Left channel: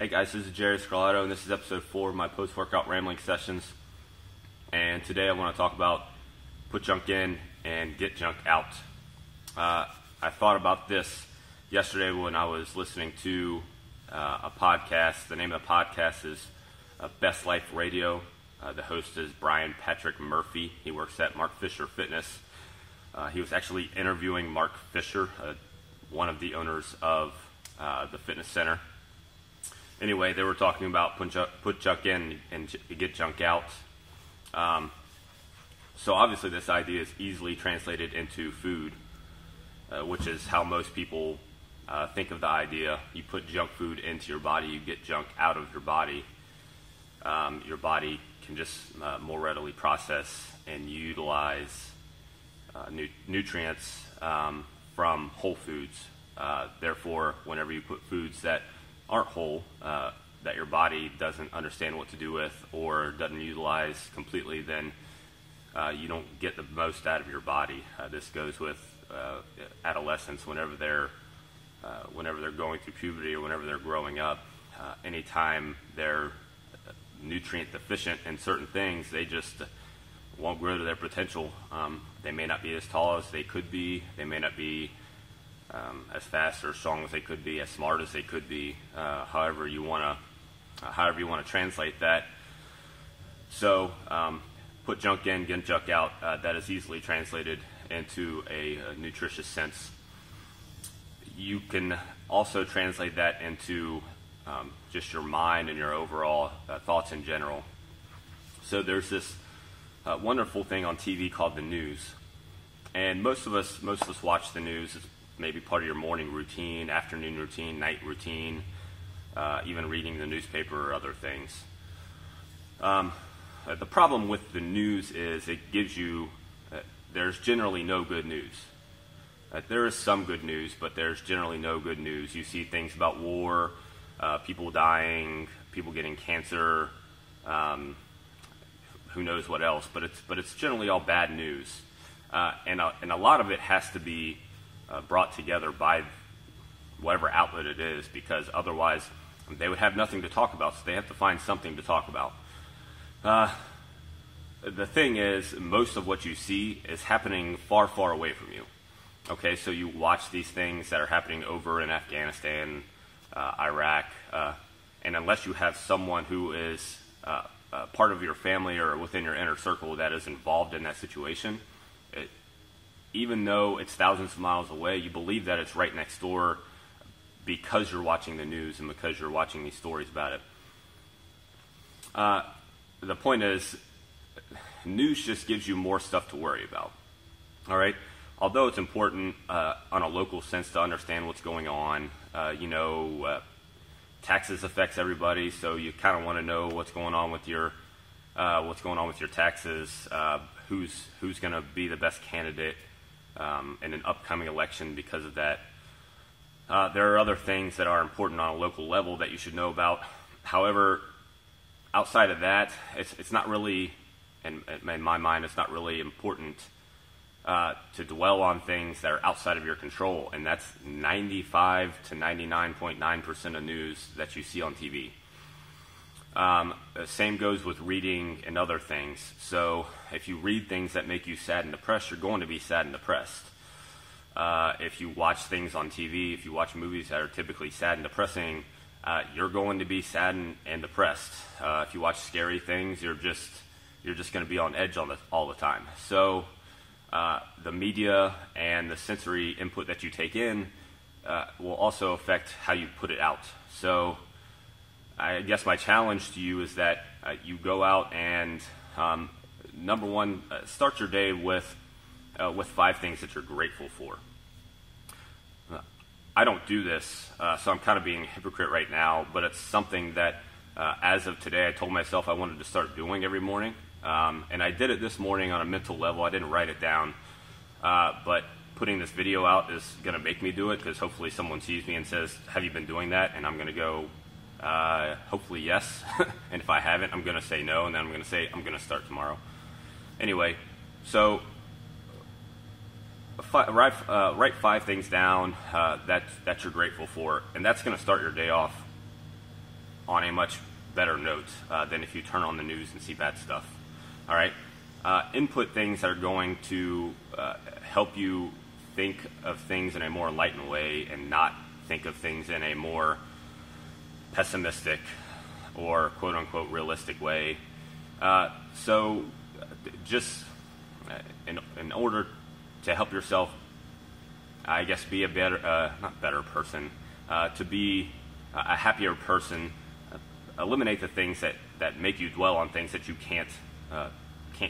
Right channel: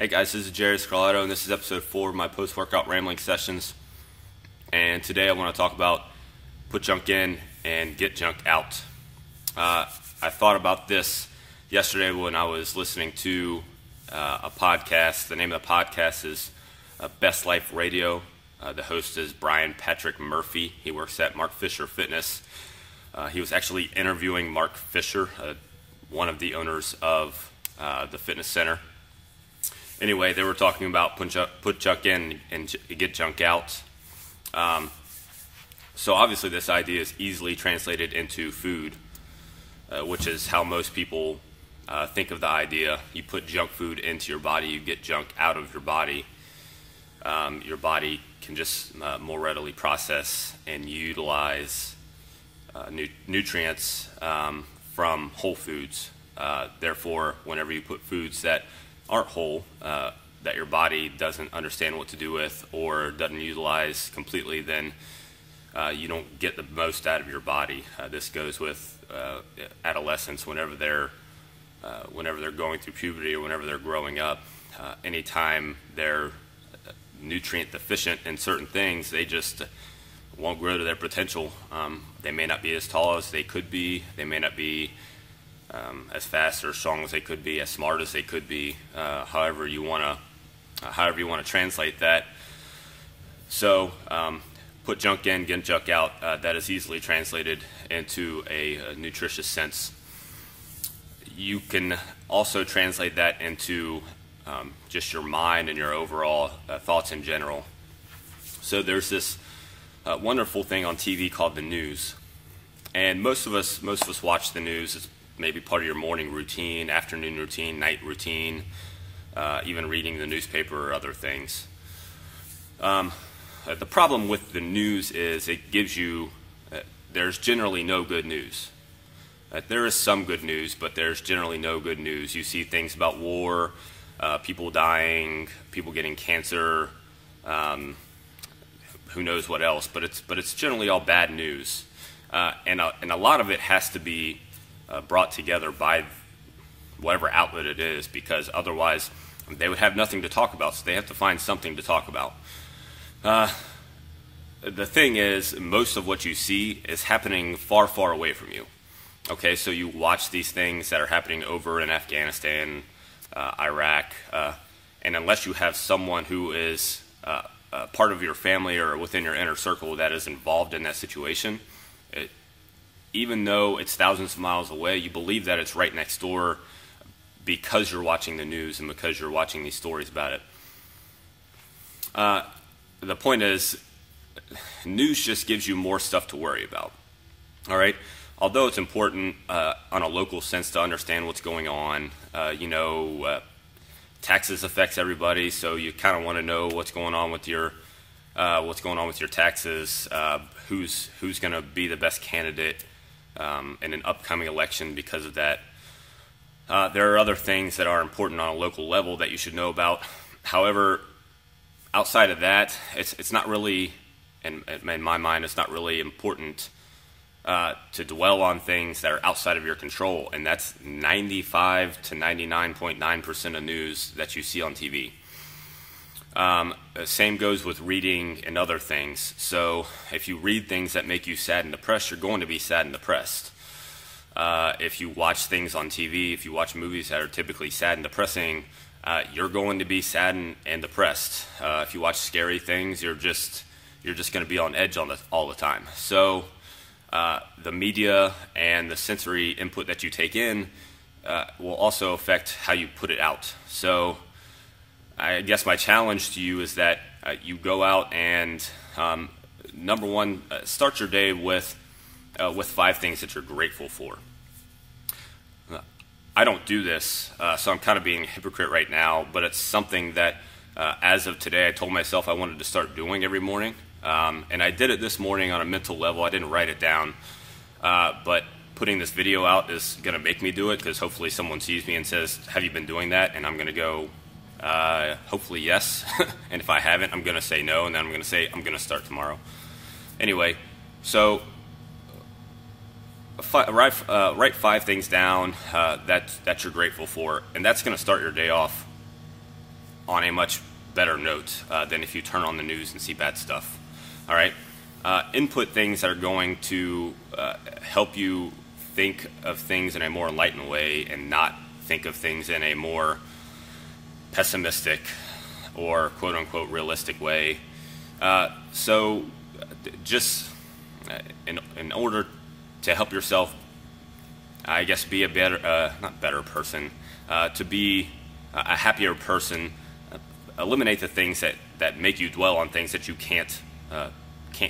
Hey guys, this is Jerry Scarletto, and this is episode 4 of my post-workout rambling sessions. And today I want to talk about put junk in and get junk out. I thought about this yesterday when I was listening to a podcast. The name of the podcast is Best Life Radio. The host is Brian Patrick Murphy. He works at Mark Fisher Fitness. He was actually interviewing Mark Fisher, one of the owners of the fitness center. Anyway, they were talking about put junk in and get junk out. So obviously this idea is easily translated into food, which is how most people think of the idea. You put junk food into your body, you get junk out of your body. Your body can just more readily process and utilize nutrients from whole foods. Therefore, whenever you put foods that aren't whole, that your body doesn't understand what to do with or doesn't utilize completely, then you don't get the most out of your body. This goes with adolescents whenever they're going through puberty or whenever they're growing up. Anytime they're nutrient deficient in certain things, they just won't grow to their potential. They may not be as tall as they could be. They may not be as fast or strong as they could be, as smart as they could be, however you want to translate that. So put junk in, get junk out. That is easily translated into a nutritious sense. You can also translate that into just your mind and your overall thoughts in general. So there's this wonderful thing on TV called the news, and most of us watch the news. It's maybe part of your morning routine, afternoon routine, night routine, even reading the newspaper or other things. The problem with the news is it gives you, there's generally no good news. There is some good news, but there's generally no good news. You see things about war, people dying, people getting cancer, who knows what else, but it's generally all bad news. And a lot of it has to be brought together by whatever outlet it is, because otherwise they would have nothing to talk about, so they have to find something to talk about. The thing is, most of what you see is happening far, far away from you. Okay, so you watch these things that are happening over in Afghanistan, Iraq, and unless you have someone who is part of your family or within your inner circle that is involved in that situation, even though it's thousands of miles away, you believe that it's right next door because you're watching the news and because you're watching these stories about it. The point is, news just gives you more stuff to worry about. All right? Although it's important on a local sense to understand what's going on, taxes affects everybody, so you kind of want to know what's going on with your taxes, who's going to be the best candidate in an upcoming election because of that. There are other things that are important on a local level that you should know about. However, outside of that, it's not really, in my mind, it's not really important to dwell on things that are outside of your control, and that's 95 to 99.9% of news that you see on TV. Same goes with reading and other things. So if you read things that make you sad and depressed, you're going to be sad and depressed. If you watch things on TV, if you watch movies that are typically sad and depressing, you're going to be sad and depressed. If you watch scary things, you're just going to be on edge all the time. So the media and the sensory input that you take in will also affect how you put it out. So I guess my challenge to you is that you go out and, number one, start your day with 5 things that you're grateful for. I don't do this, so I'm kind of being a hypocrite right now, but it's something that, as of today, I told myself I wanted to start doing every morning. And I did it this morning on a mental level. I didn't write it down, but putting this video out is going to make me do it, because hopefully someone sees me and says, have you been doing that? And I'm going to go, hopefully yes. And if I haven't, I'm going to say no, and then I'm going to say I'm going to start tomorrow. Anyway, so write 5 things down that you're grateful for, and that's going to start your day off on a much better note than if you turn on the news and see bad stuff. All right? Input things that are going to help you think of things in a more enlightened way and not think of things in a more pessimistic or quote-unquote realistic way. So just in order to help yourself, I guess, be a better, not better person, to be a happier person, eliminate the things that make you dwell on things that you can't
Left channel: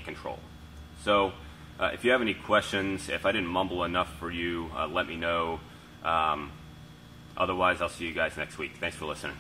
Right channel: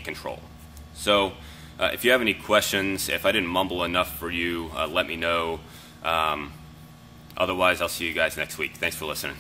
control. So if you have any questions, if I didn't mumble enough for you, let me know. Otherwise, I'll see you guys next week. Thanks for listening.